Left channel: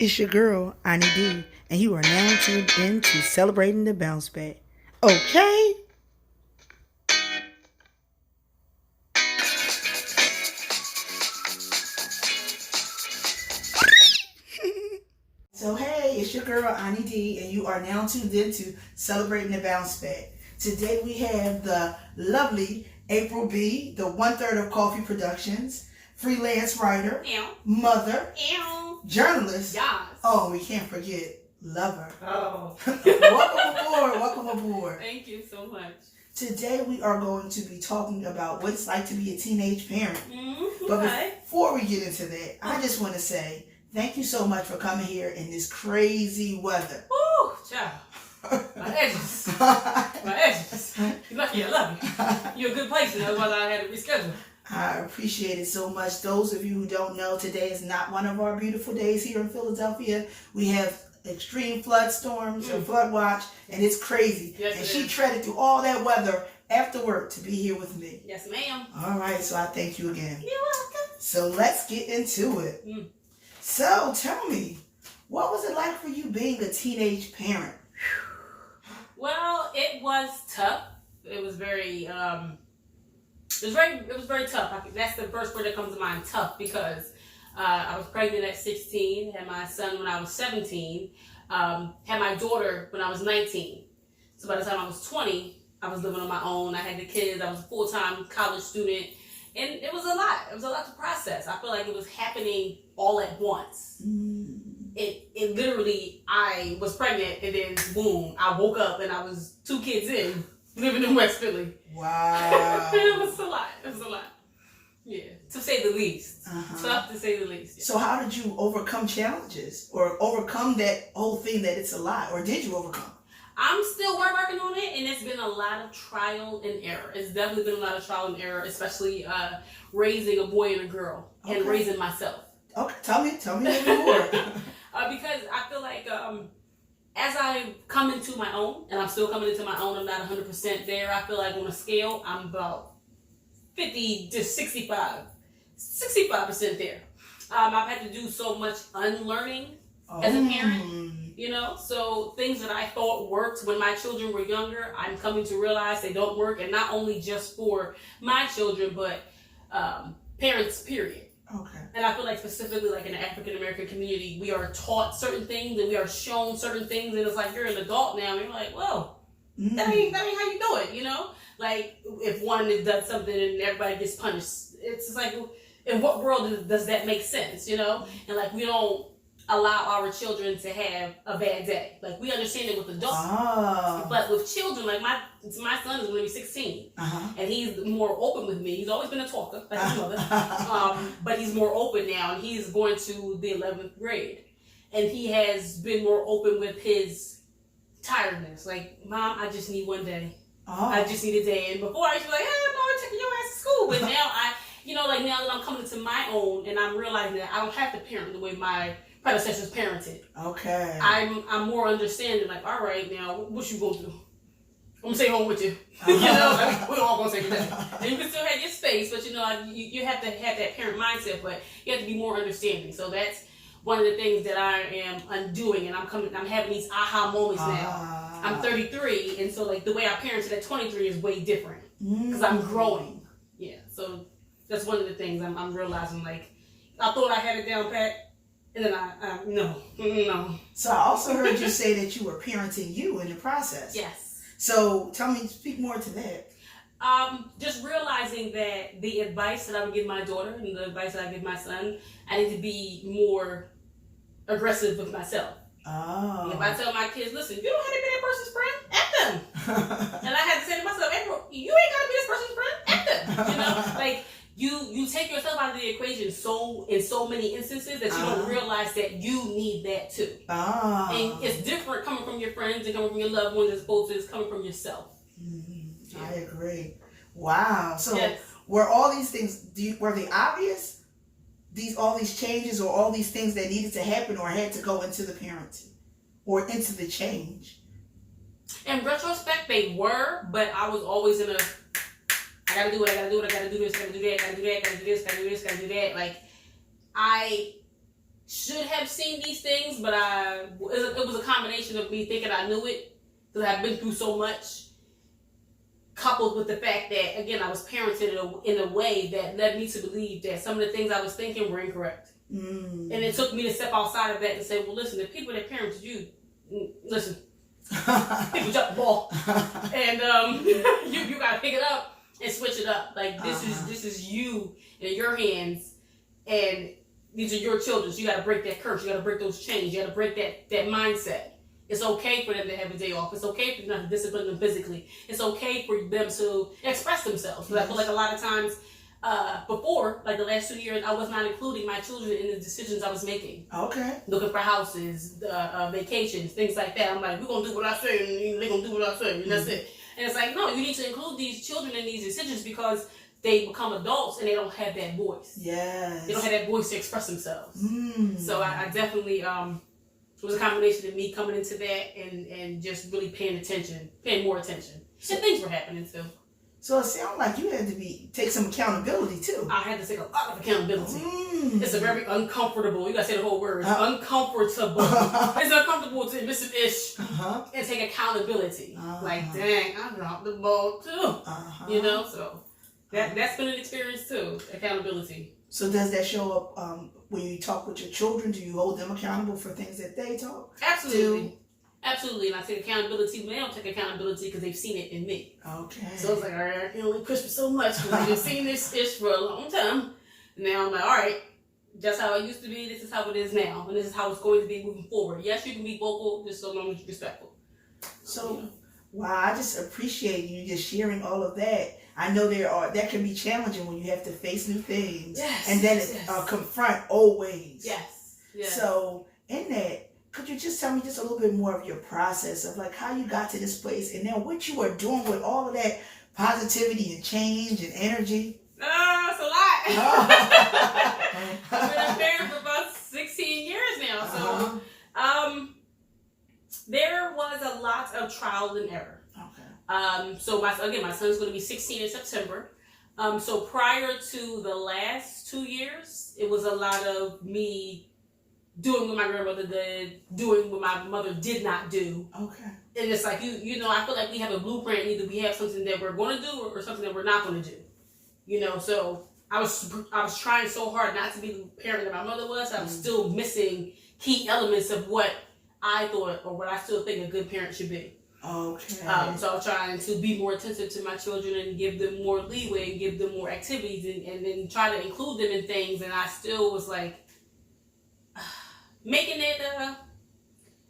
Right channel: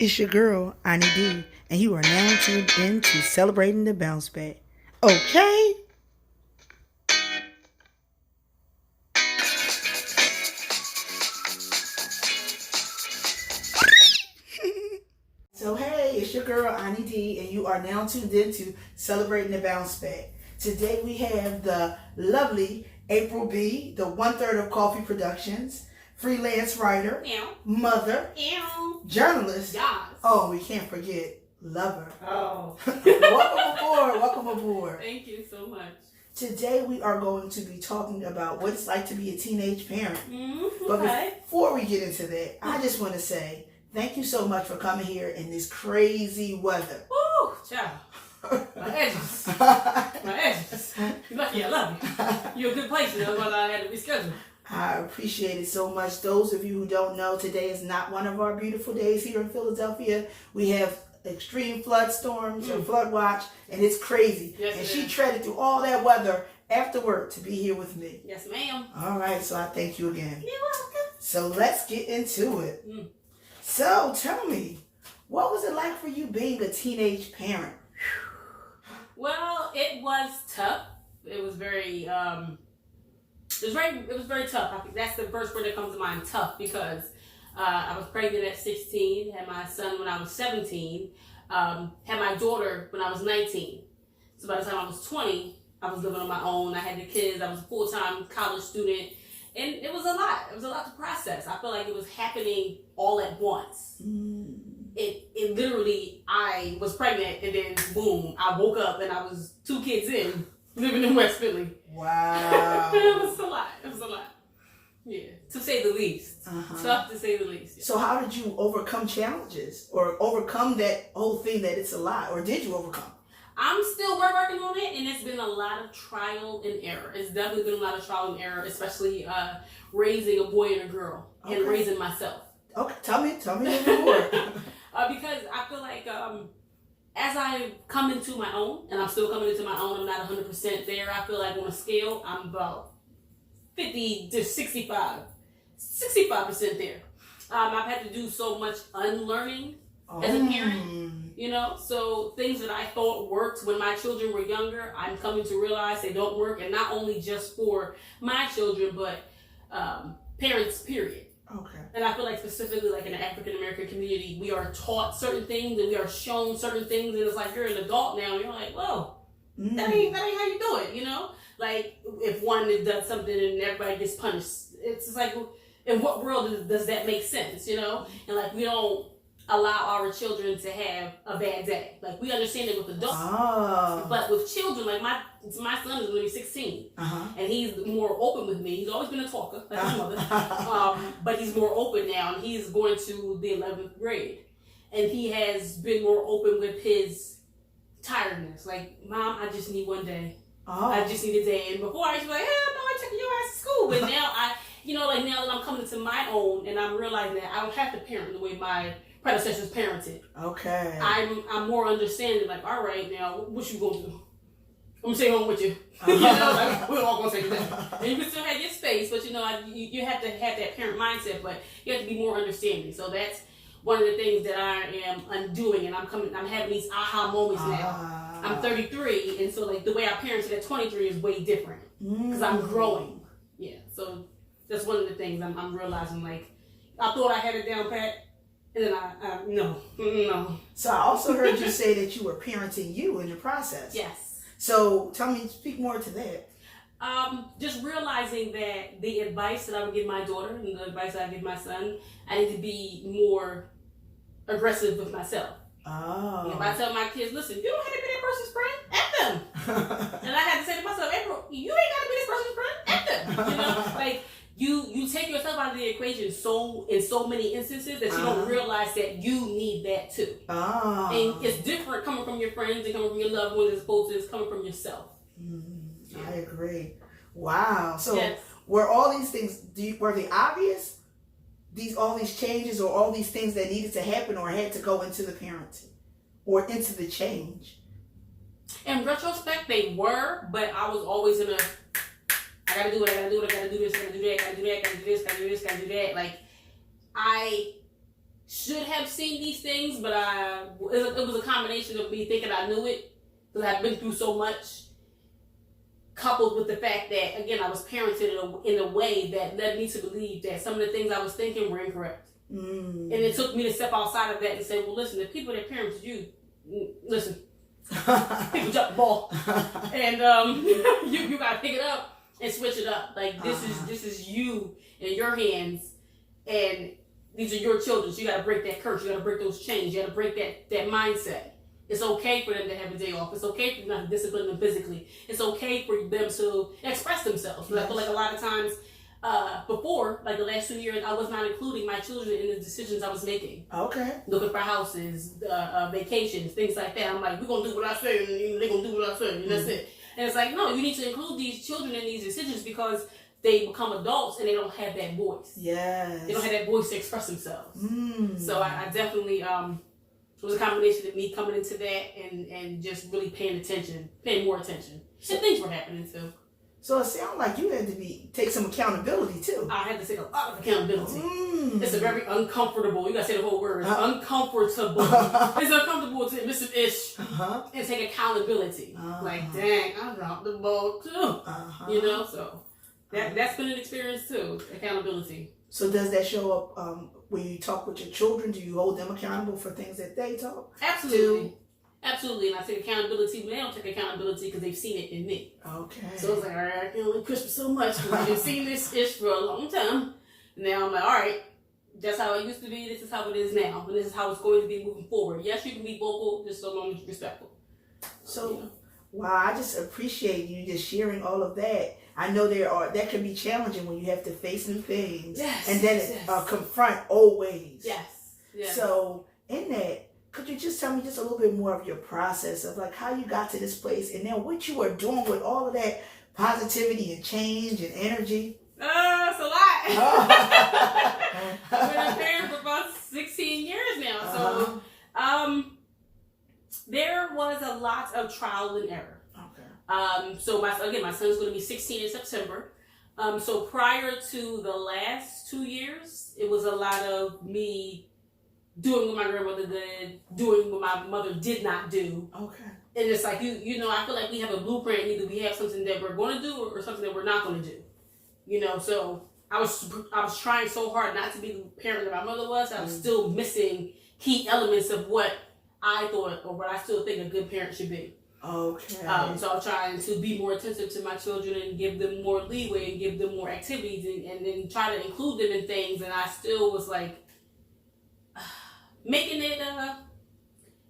It's your girl, Ani D, and you are now tuned in to Celebrating the Bounce Back. Okay? So, hey, it's your girl, Ani D, and you are now tuned in to Celebrating the Bounce Back. Today we have the lovely April B., the one-third of Coffee Productions, freelance writer, mother, journalist. Yes. Oh, we can't forget lover. Oh. Welcome aboard. Thank you so much. Today we are going to be talking about what it's like to be a teenage parent. But Okay. before we get into that, I just want to say thank you so much for coming here in this crazy weather. Woo, child. My edges. My edges. You're lucky I love you. You're a good place, that's why I had to reschedule. I appreciate it so much. Those of you who don't know, today is not one of our beautiful days here in Philadelphia. We have extreme flood storms or flood watch, and it's crazy. Yes, and it she is. treaded through all that weather after work to be here with me. Yes, ma'am. All right, so I thank you again. You're welcome. So let's get into it. So tell me, what was it like for you being a teenage parent? Well, it was tough. It was very it was very tough. That's the first word that comes to mind, tough, because I was pregnant at 16, had my son when I was 17, had my daughter when I was 19. So by the time I was 20, I was living on my own. I had the kids. I was a full-time college student. And it was a lot. It was a lot to process. I feel like it was happening all at once. It literally, I was pregnant and then boom, I woke up and I was 2 kids in, living in West Philly. Wow. It was a lot. It was a lot. Yeah, to say the least. Tough to say the least. So how did you overcome challenges or overcome that whole thing that it's a lot, or did you overcome? I'm still working on it, and it's been a lot of trial and error. It's definitely been a lot of trial and error, especially raising a boy and a girl and raising myself. Okay, tell me a little more. Because I feel like as I come into my own, and I'm still coming into my own, I'm not 100% there. I feel like on a scale, I'm about 50 to 65% there. I've had to do so much unlearning as a parent. So things that I thought worked when my children were younger, I'm coming to realize they don't work, and not only just for my children, but parents, period. Okay. And I feel like specifically like in the African American community, we are taught certain things and we are shown certain things, and it's like you're an adult now, and you're like, whoa, that ain't how you do it, Like if one does something and everybody gets punished, it's just like, in what world does that make sense, And like we don't allow our children to have a bad day. Like we understand it with adults, but with children, like my son is only 16, and he's more open with me. He's always been a talker, like his mother, but he's more open now, and he's going to the 11th grade, and he has been more open with his tiredness. Like, Mom, I just need one day. I just need a day. And before I used to be like, hell no, I'm taking your ass to school. But now now that I'm coming to my own, and I'm realizing that I don't have to parent the way my predecessors parented. Okay. I'm more understanding, like, all right, now, what you gonna do? I'm gonna stay home with you. Like, we're all gonna stay together. And you can still have your space, but you have to have that parent mindset, but you have to be more understanding. So that's one of the things that I am undoing, and I'm having these aha moments now. I'm 33, and so like the way I parented at 23 is way different because I'm growing. Yeah, so that's one of the things I'm realizing. Like, I thought I had it down pat. And then no. So I also heard you say that you were parenting you in the process. Yes. So speak more to that. Just realizing that the advice that I would give my daughter and the advice that I give my son, I need to be more aggressive with myself. Oh. If I tell my kids, listen, you don't have to be that person's friend, F them. And I had to say to myself, April, you ain't got to be this person's friend, F them. Like, you take yourself out of the equation in so many instances that you don't realize that you need that too. And it's different coming from your friends and coming from your loved ones as opposed to it's coming from yourself. I agree. Wow. So yes. Were all these things, were they obvious? All these changes or all these things that needed to happen or had to go into the parenting or into the change? In retrospect, they were, but I was always in a, I gotta do it, I gotta do it, I gotta do this, I gotta do that, I gotta do that, I gotta do this, I gotta do this, I gotta do that. Like, should have seen these things, but it was a combination of me thinking I knew it because I've been through so much, coupled with the fact that, again, I was parented in a way that led me to believe that some of the things I was thinking were incorrect. And it took me to step outside of that and say, well, listen, the people that parented you, listen, people drop the ball, and you gotta pick it up and switch it up. Like this is you in your hands, and these are your children. So you gotta break that curse. You gotta break those chains. You gotta break that mindset. It's okay for them to have a day off. It's okay for them to discipline them physically. It's okay for them to express themselves. Because I feel like a lot of times before, like the last 2 years, I was not including my children in the decisions I was making. Okay. Looking for houses, vacations, things like that. I'm like, we're going to do what I say, and they're going to do what I say, and that's it. And it's like, no, you need to include these children in these decisions because they become adults and they don't have that voice. Yes. They don't have that voice to express themselves. So I definitely, it was a combination of me coming into that and just really paying more attention. And things were happening too. So it sounds like you had to take some accountability too. I had to take a lot of accountability. It's a very uncomfortable, you gotta say the whole word, uncomfortable. It's uncomfortable to miss an ish and take accountability. Like, dang, I dropped the ball too. You know, so that's been an experience too, accountability. So does that show up when you talk with your children? Do you hold them accountable for things that they talk? Absolutely. Absolutely, and I take accountability when they don't take accountability because they've seen it in me. Okay. So it's like, all right, I can only push for so much because we've seen this ish for a long time. Now I'm like, all right, that's how it used to be. This is how it is now, and this is how it's going to be moving forward. Yes, you can be vocal, just so long as you're respectful. So, wow, I just appreciate you just sharing all of that. I know that can be challenging when you have to face new things and then confront old ways. Yes. So in that, could you just tell me just a little bit more of your process of like how you got to this place and then what you are doing with all of that positivity and change and energy? It's a lot. I've been a parent for about 16 years now. So there was a lot of trial and error. Okay. So my son's going to be 16 in September. So prior to the last 2 years, it was a lot of me doing what my grandmother did, doing what my mother did not do. Okay. And it's like, you know, I feel like we have a blueprint, and either we have something that we're going to do or something that we're not going to do. You know, so I was trying so hard not to be the parent that my mother was. I was still missing key elements of what I thought or what I still think a good parent should be. Okay. So I was trying to be more attentive to my children and give them more leeway and give them more activities and then try to include them in things. And I still was like, making it a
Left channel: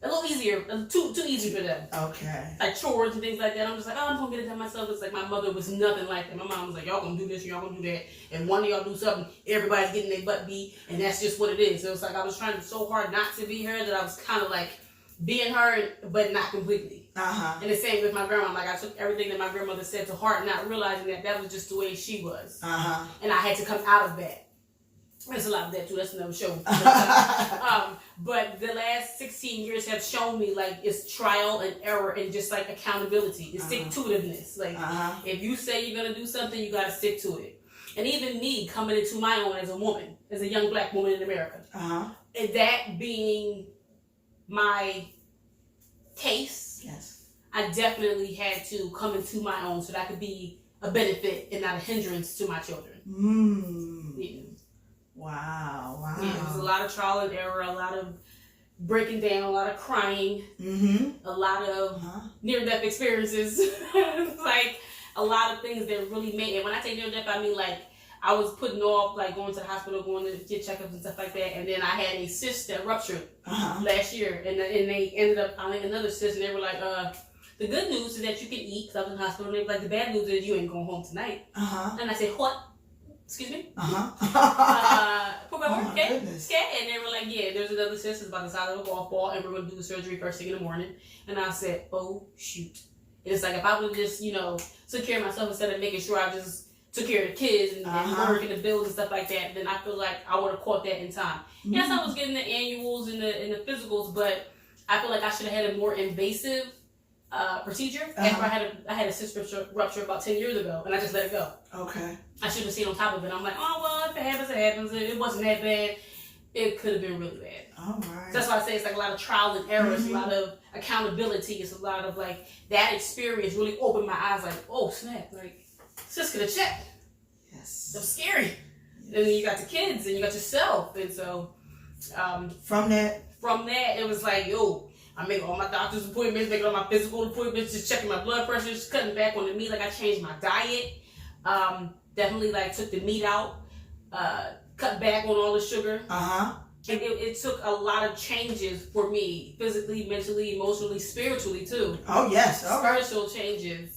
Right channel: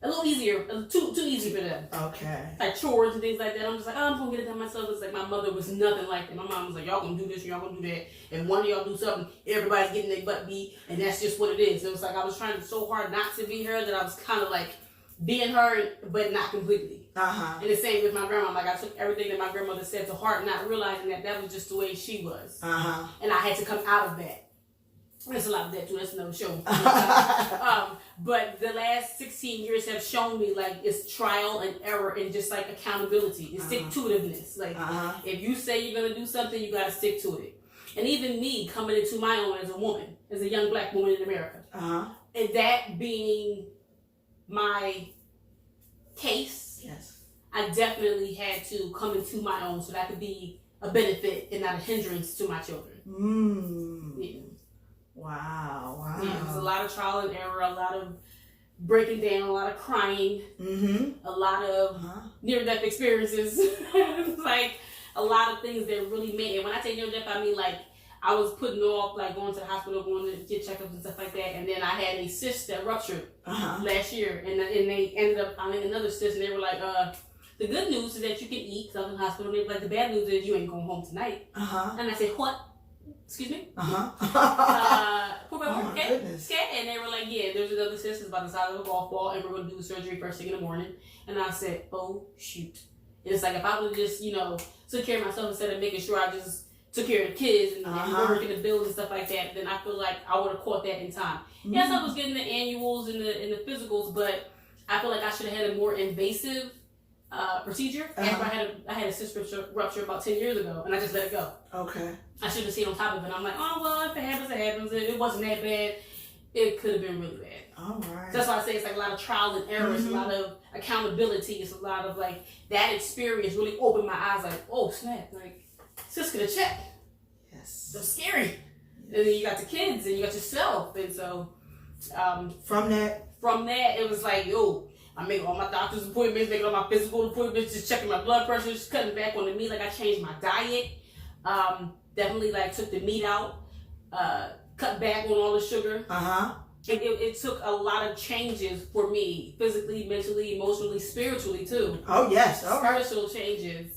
little easier, too easy for them. Okay. Like chores and things like that. I'm just like, I'm gonna get it done myself. It's like my mother was nothing like that. My mom was like, y'all gonna do this, y'all gonna do that. And one of y'all do something, everybody's getting their butt beat, and that's just what it is. So it's like I was trying so hard not to be her that I was kind of like being her, but not completely. And the same with my grandma. Like I took everything that my grandmother said to heart, not realizing that was just the way she was. And I had to come out of that. There's a lot of that too. That's another show. But the last 16 years have shown me like it's trial and error and just like accountability. It's stick-to-itiveness. Like if you say you're gonna do something, you gotta stick to it. And even me coming into my own as a woman, as a young black woman in America, and that being my case, yes, I definitely had to come into my own so that I could be a benefit and not a hindrance to my children. Yeah. Wow. Yeah, there's a lot of trial and error, a lot of breaking down, a lot of crying, a lot of near-death experiences, like a lot of things that really made it. When I say near-death, I mean like I was putting off like going to the hospital, going to get checkups and stuff like that, and then I had a cyst that ruptured last year, and they ended up finding another cyst, and they were like, the good news is that you can eat, because I was in the hospital, and they were like, the bad news is you ain't going home tonight. And I said, what? Excuse me? Goodness. And they were like, yeah, there's another cyst, it's by the side of a golf ball, and we're going to do the surgery first thing in the morning. And I said, oh, shoot. And it's like, if I would have just, took care of myself instead of making sure I just took care of the kids and work and the bills and stuff like that, then I feel like I would have caught that in time. Yes, I was getting the annuals and the physicals, but I feel like I should have had a more invasive procedure after I had a cyst rupture about 10 years ago, and I just let it go. Okay. I should have stayed on top of it. I'm like, oh, well, if it happens, it happens. It wasn't that bad. it could have been really bad. All right. That's why I say it's like a lot of trial and error. It's a lot of accountability. It's a lot of like that experience really opened my eyes. Like, oh snap! Like, sis could have checked. Yes. So scary. Yes. And then you got the kids and you got yourself, and so from that, it was like, yo, I make all my doctor's appointments, making all my physical appointments, just checking my blood pressure, just cutting back on the meat. Like I changed my diet. Definitely like took the meat out. Cut back on all the sugar. It took a lot of changes for me, physically, mentally, emotionally, spiritually too. Oh yes, spiritual changes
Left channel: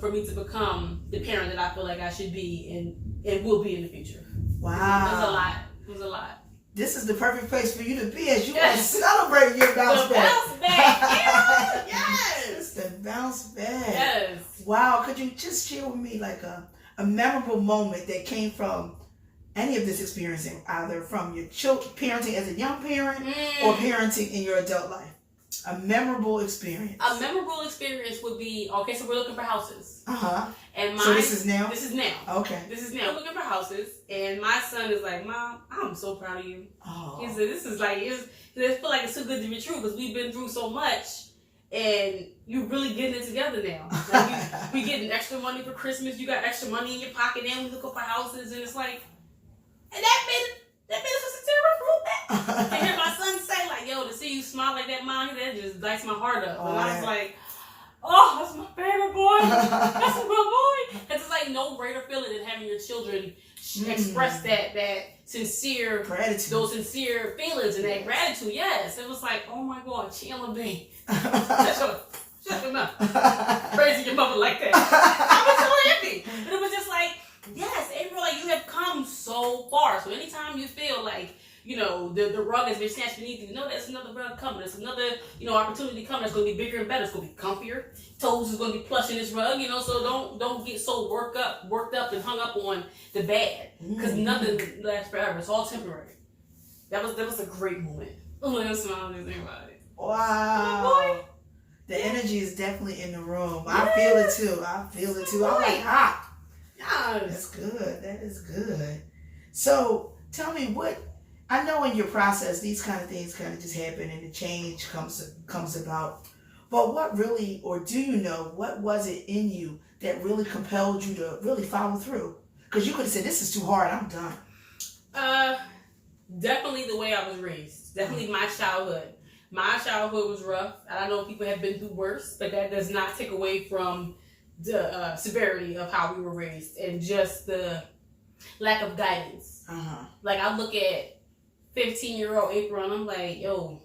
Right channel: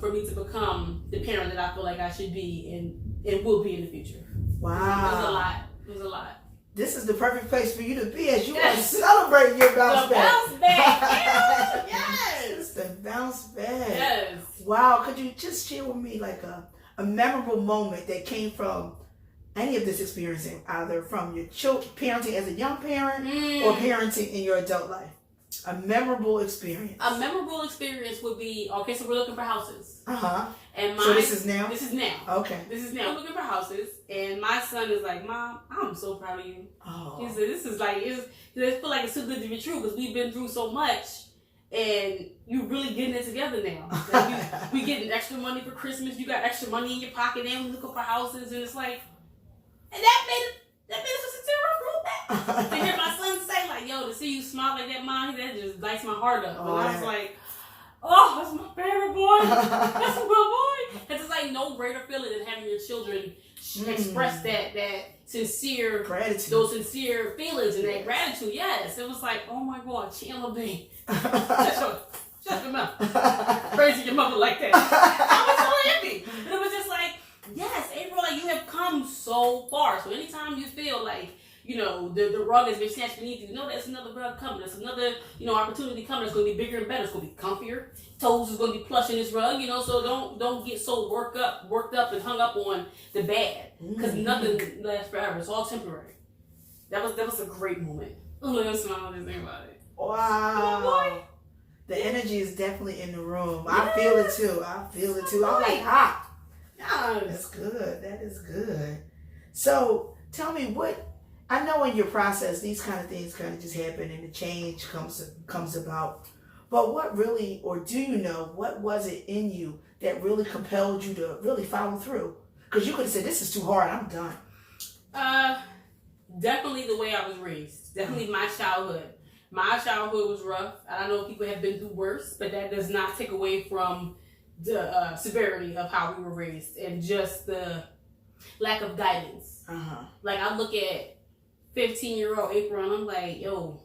for me to become the parent that I feel like I should be and will be in the future. Wow, it was a lot. It was a lot. This is the perfect place for you to be as you are celebrating your bounce back. Bounce back, yeah. Yes, it's the bounce back. Yes. Wow, could you just share with me like a memorable moment that came from any of this experience, either from your parenting as a young parent or parenting in your adult life? A memorable experience. A memorable experience would be, okay, so we're looking for houses. And so this is now? This is now. Okay. This is now. We're looking for houses, and my son is like, Mom, I'm so proud of you. Oh. He said, this is like, I feel like it's too good to be true because we've been through so much, and you're really getting it together now. Like we getting extra money for Christmas. You got extra money in your pocket, and we looking for houses, and it's like, and that made us a terrible. To hear my son say like, yo, to see you smile like that, Mom, that just lights my heart up. And I was like, oh, that's my favorite boy. That's my boy. And it's like no greater feeling than having your children express that sincere gratitude, those sincere feelings and that gratitude. Yes, it was like, oh my God, Chandler B. Shut your mouth. Praising your mother like that. I was so happy. But it was just like, yes, April, like you have come so far. So anytime you feel like, you know, the rug has been snatched beneath you, know there's another rug coming. There's another, opportunity coming that's going to be bigger and better. It's going to be comfier. Toes is going to be plush in this rug, so don't get so worked up and hung up on the bad. Because nothing lasts forever. It's all temporary. That was a great moment. I'm going to smile and think about it. Wow. Boy. The energy is definitely in the room. Yes. I feel it too. I'm like hot. Yes. That's good. That is good. So tell me I know in your process these kind of things kind of just happen and the change comes about. But what really, or do you know, what was it in you that really compelled you to really follow through? Because you could have said, this is too hard, I'm done. Definitely the way I was raised. Definitely my childhood. My childhood was rough. I know people have been through worse, but that does not take away from the severity of how we were raised and just the lack of guidance. Like I look at 15-year-old April and I'm like, yo,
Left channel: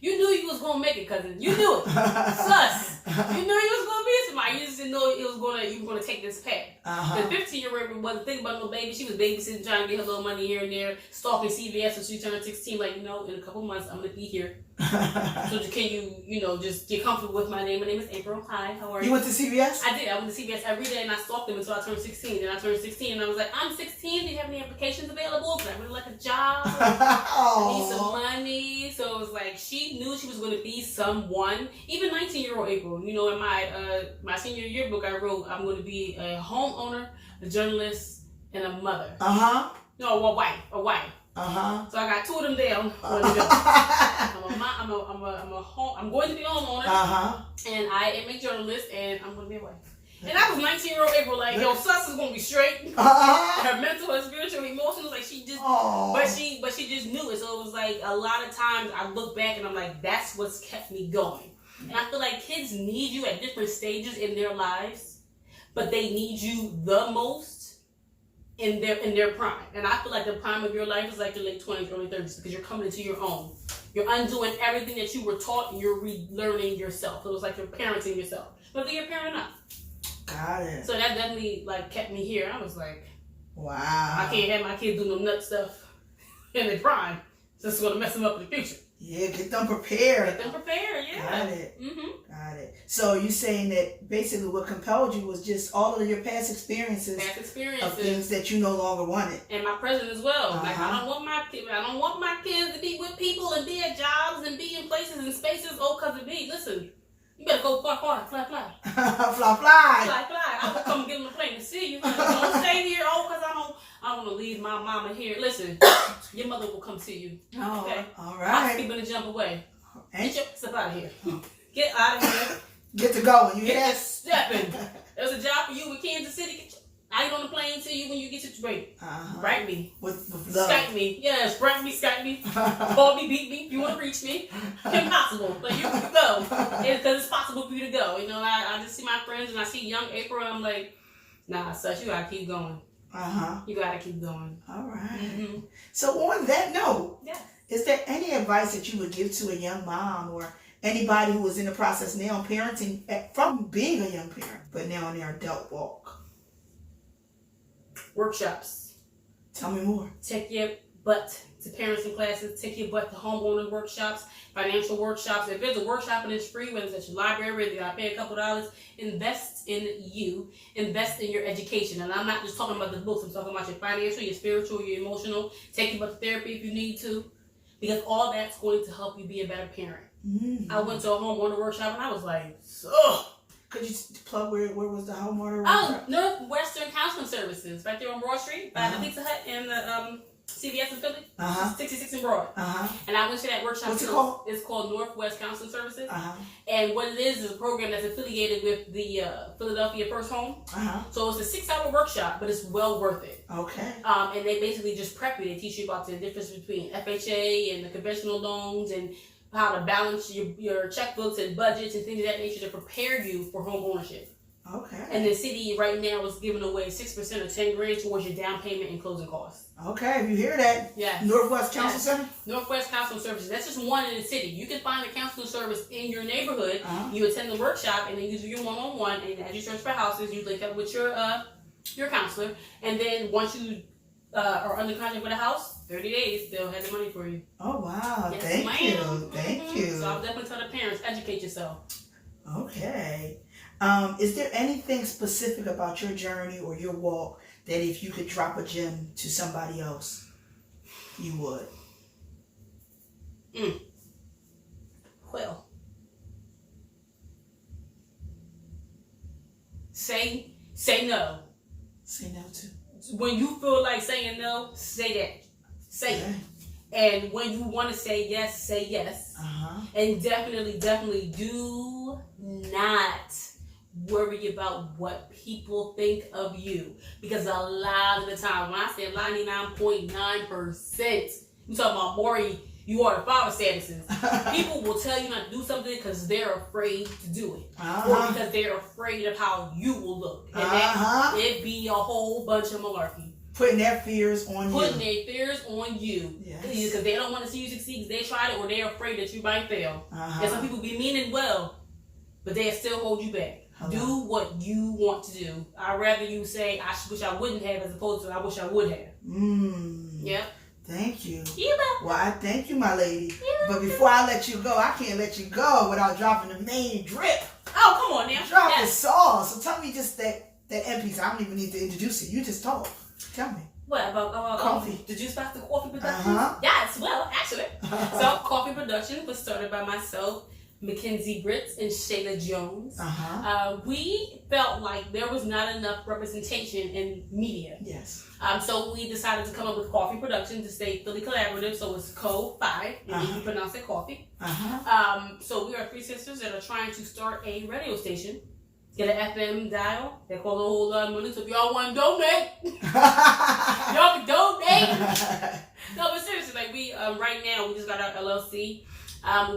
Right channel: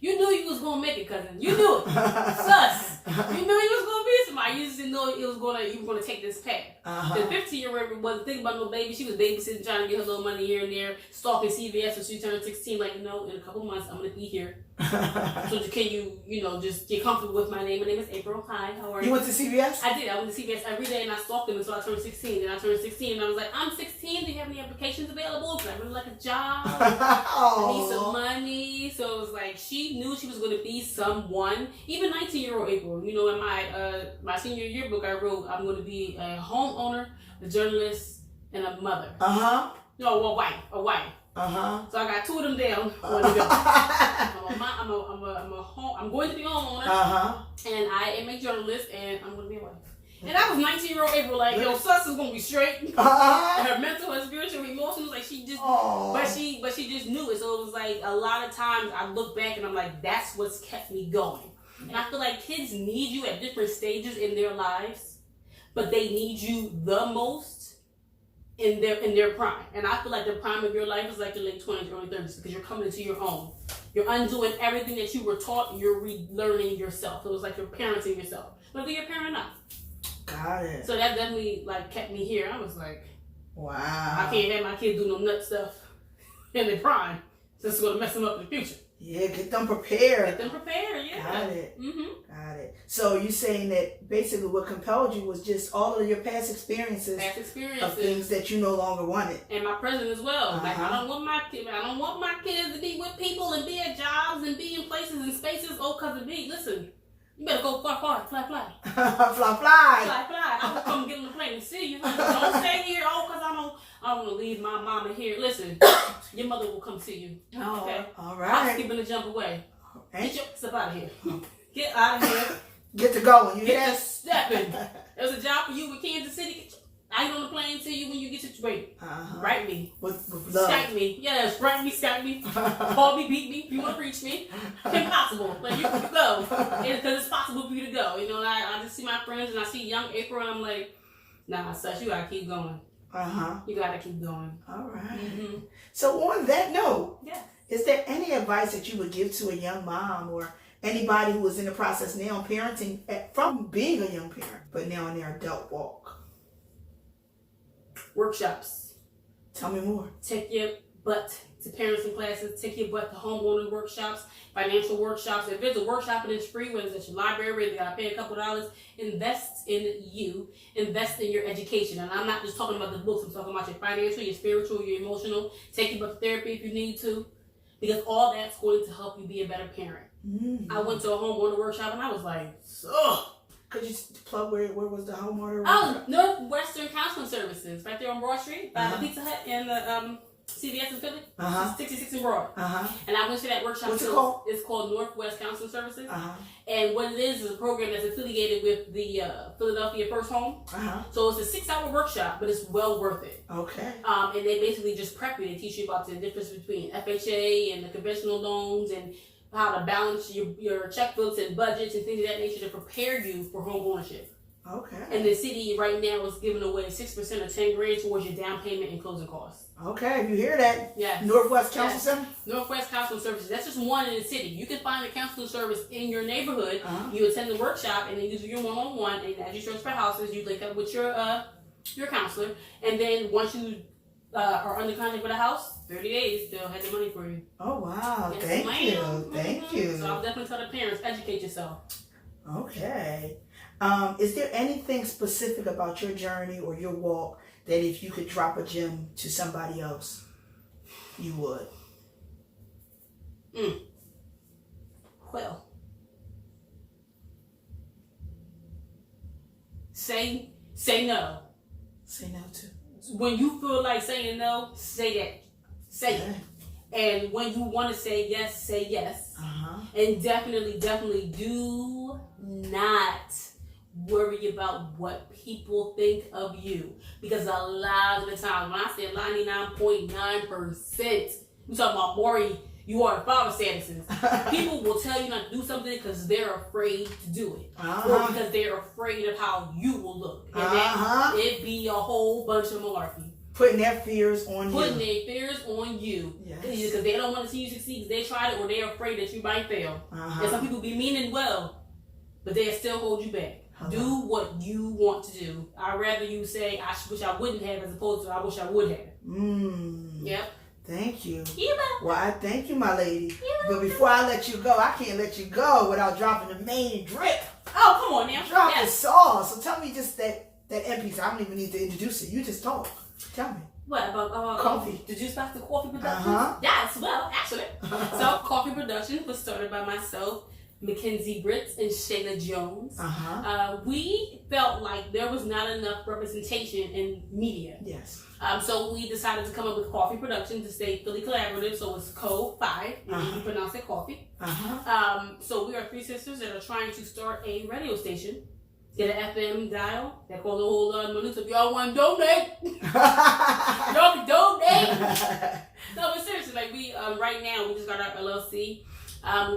you knew you was gonna make it, cousin. You knew it. Sus. You knew you was gonna be somebody. You just didn't know you were gonna take this path. The 15-year-old April wasn't thinking about no baby. She was babysitting, trying to get her little money here and there, stalking CVS when she turned 16. Like, in a couple months I'm gonna be here. So can you just get comfortable with my name? My name is April. Hi, how are you? You went to CVS? I did. I went to CVS every day and I stalked them until I turned 16. And I turned 16 and I was like, I'm 16. Do you have any applications available? Because I really like a job. I need some money. So it was like she knew she was going to be someone. Even 19-year-old April. In my senior yearbook I wrote, I'm going to be a homeowner, a journalist, and a mother. No, a wife. So I got two of them down. I'm going to be a homeowner, and I am a journalist, and I'm going to be a wife. And I was 19-year-old April, like, yo, sus is going to be straight. Her mental, her spiritual, emotional, like she just, but she just knew it. So it was like a lot of times I look back and I'm like, that's what's kept me going. And I feel like kids need you at different stages in their lives, but they need you the most in their prime. And I feel like the prime of your life is like your late 20s, early 30s, because you're coming into your own. You're undoing everything that you were taught and you're relearning yourself. So it's like you're parenting yourself, whether you're a parent or not. Got it. So that definitely kept me here. I was like, wow. I can't have my kids do no nut stuff in their prime. So it's going to mess them up in the future. Yeah, get them prepared. Yeah. Got it. Got it. So you're saying that basically what compelled you was just all of your past experiences of things that you no longer wanted, and my present as well. Like I don't want my kids to be with people and be at jobs and be in places and spaces. Oh, cause of me. Listen, You better go fly. Fly. I will come get on the plane to see you. Don't stay here. Because I don't want to leave my mama here. Listen, your mother will come see you. Okay? All I'm right. skipping to jump away. Ain't Get your stuff out of here. Get out of here. Get to going. You hear Get to that? stepping. There's a job for you in Kansas City. I ain't on the plane to you when you get situated. Write me. With love. Skype me. Yes, write me, Skype me. Call me, beat me. If you want to reach me. Impossible. But you can go. Because it's possible for you to go. You know, I just see my friends and I see young April and I'm like, nah, sus, you got to keep going. You got to keep going. All right. Mm-hmm. So on that note, Yeah. is there any advice that you would give to a young mom or anybody who is in the process now parenting from being a young parent, but now in their adult walk? Workshops. Tell me more. Take your butt to parenting classes. Take your butt to homeowner workshops, financial workshops. If there's a workshop and it's free, whether it's at your library, you gotta pay a couple dollars. Invest in you. Invest in your education. And I'm not just talking about the books. I'm talking about your financial, your spiritual, your emotional. Take your butt to therapy if you need to, because all that's going to help you be a better parent. Mm-hmm. I went to a homeowner workshop and I was like, ugh. Could you plug where was the homeowner? Oh, Northwestern Counseling Services, right there on Broad Street, by the Pizza Hut and the CVS in Philly, 66 in Broad. And I went to that workshop. What's it called? It's called Northwest Counseling Services. And what it is a program that's affiliated with the Philadelphia First Home. So it's a 6-hour workshop, but it's well worth it. Okay. And they basically just prep you. They teach you about the difference between FHA and the conventional loans and how to balance your checkbooks and budgets and things of that nature to prepare you for home ownership. Okay. And the city right now is giving away 6% or $10,000 towards your down payment and closing costs. Okay, if you hear that, yeah, Northwest Counseling Center? Northwest Counseling Services. That's just one in the city. You can find a counseling service in your neighborhood. You attend the workshop and then you do your one-on-one. And as you search for houses, you link up with your counselor. And then once you are under contract with a house, 30 days, they'll have the money for you. Oh, wow. Yes, Thank you. Thank you. So I'll definitely tell the parents, educate yourself. Okay. Is there anything specific about your journey or your walk that if you could drop a gem to somebody else, you would? Well, say no. Say no to. When you feel like saying no, say that. Say it. And when you want to say yes, say yes. And definitely do not worry about what people think of you. Because a lot of the time, when I say 99.9%, we talking about Maury, you are the father statuses. People will tell you not to do something because they're afraid to do it. Or because they're afraid of how you will look. And that it'd be a whole bunch of malarkey. Putting their fears on you. Putting their fears on you. Yes. Because they don't want to see you succeed because they tried it or they're afraid that you might fail. And some people be meaning well, but they still hold you back. Do what you want to do. I'd rather you say, I wish I wouldn't have, as opposed to I wish I would have. Yep. Thank you. You Well, I thank you, my lady. But before I let you go, I can't let you go without dropping the main drip. Oh, come on now. Drop the sauce. So tell me just that end piece. I don't even need to introduce it. You just talk. Tell me. What about coffee? The Juice Box, the coffee production? Yes, well, actually. So, coffee production was started by myself, Mackenzie Britts, and Shayla Jones. We felt like there was not enough representation in media. Yes. So we decided to come up with coffee production to stay fully collaborative. So it's Co-5, and you pronounce it coffee. So we are 3 sisters that are trying to start a radio station. Get an FM dial. They call the whole money. So if y'all want to donate, y'all can donate. No, but seriously, like we right now we just got our LLC.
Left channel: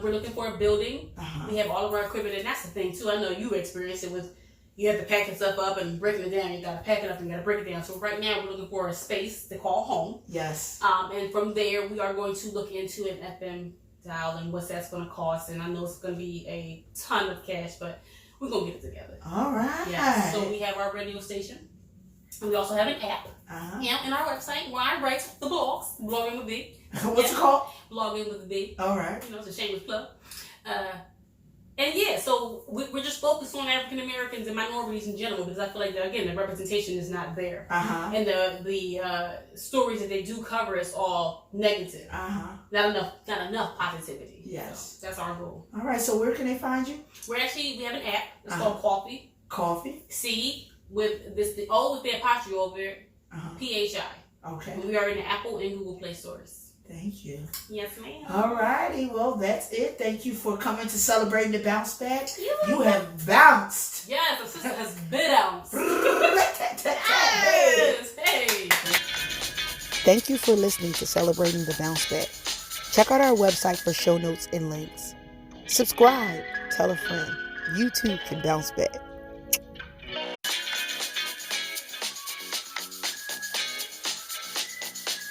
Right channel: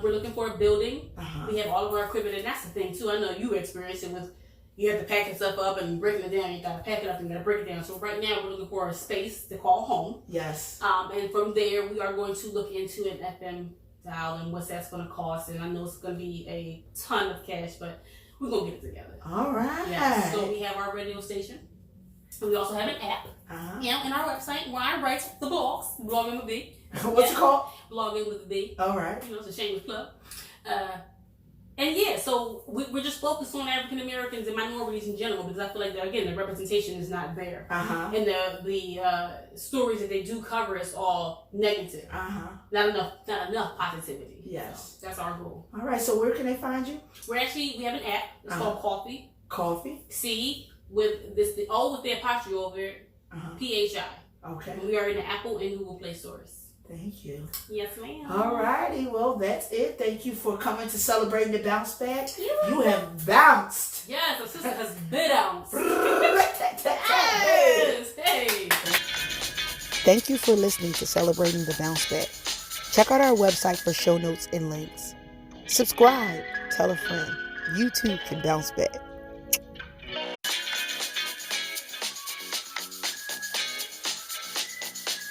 We're looking for a building. We have all of our equipment, and that's the thing too. I know you experienced it with you have to pack your stuff up and breaking it down. You gotta pack it up and you gotta break it down. So right now we're looking for a space to call home. Yes. And from there we are going to look into an FM dial and what that's going to cost. And I know it's going to be a ton of cash, but we're going to get it together. All right. Yeah. So we have our radio station. We also have an app. Yeah, and our website where I write the blogs, Blogging with B. What's it called? Blogging with B. All right. You know, it's a shameless plug. And yeah, so we're just focused on African Americans and minorities in general because I feel like, again, the representation is not there. And the stories that they do cover is all negative. Not enough positivity. Yes. So that's our goal. All right, so where can they find you? We have an app. It's called Coffee. Coffee. C with the O with the apostrophe over it. PHI. Okay. And we are in the Apple and Google Play stores. Thank you. Yes, ma'am. All righty. Well, that's it. Thank you for coming to Celebrating the Bounce Back. You have bounced. Yes, the sister has bounced. Yes. Hey. Thank you for listening to Celebrating the Bounce Back. Check out our website for show notes and links. Subscribe. Tell a friend. You too can bounce back.